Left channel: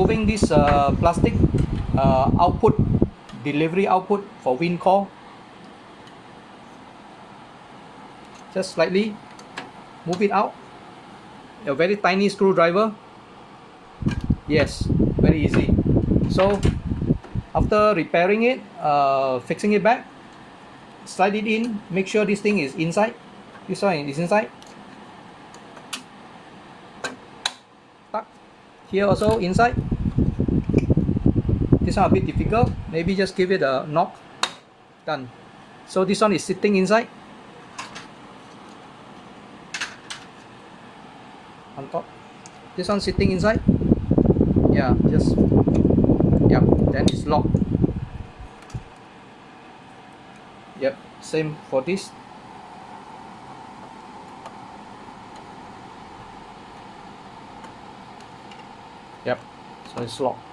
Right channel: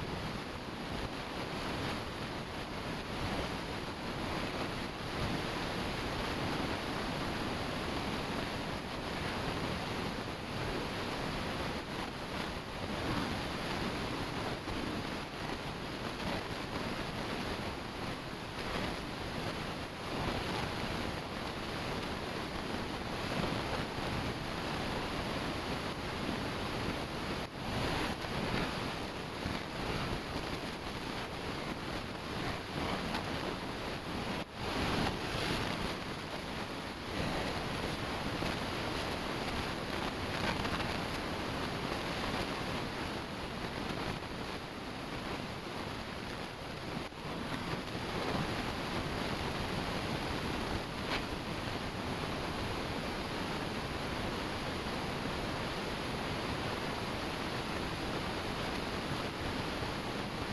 removing this plastic output, delivery output for Wincor. Just slightly move it out. A very tiny screwdriver. Yes, very easy. So after repairing it, fixing it back, slide it in, make sure this thing is inside. This one is inside. Here also inside. This one a bit difficult, maybe just give it a knock. Done. So this one is sitting inside. On top. This one sitting inside. Yeah, just, yep, then it's locked. Yep, same for this. Yep, so it's locked.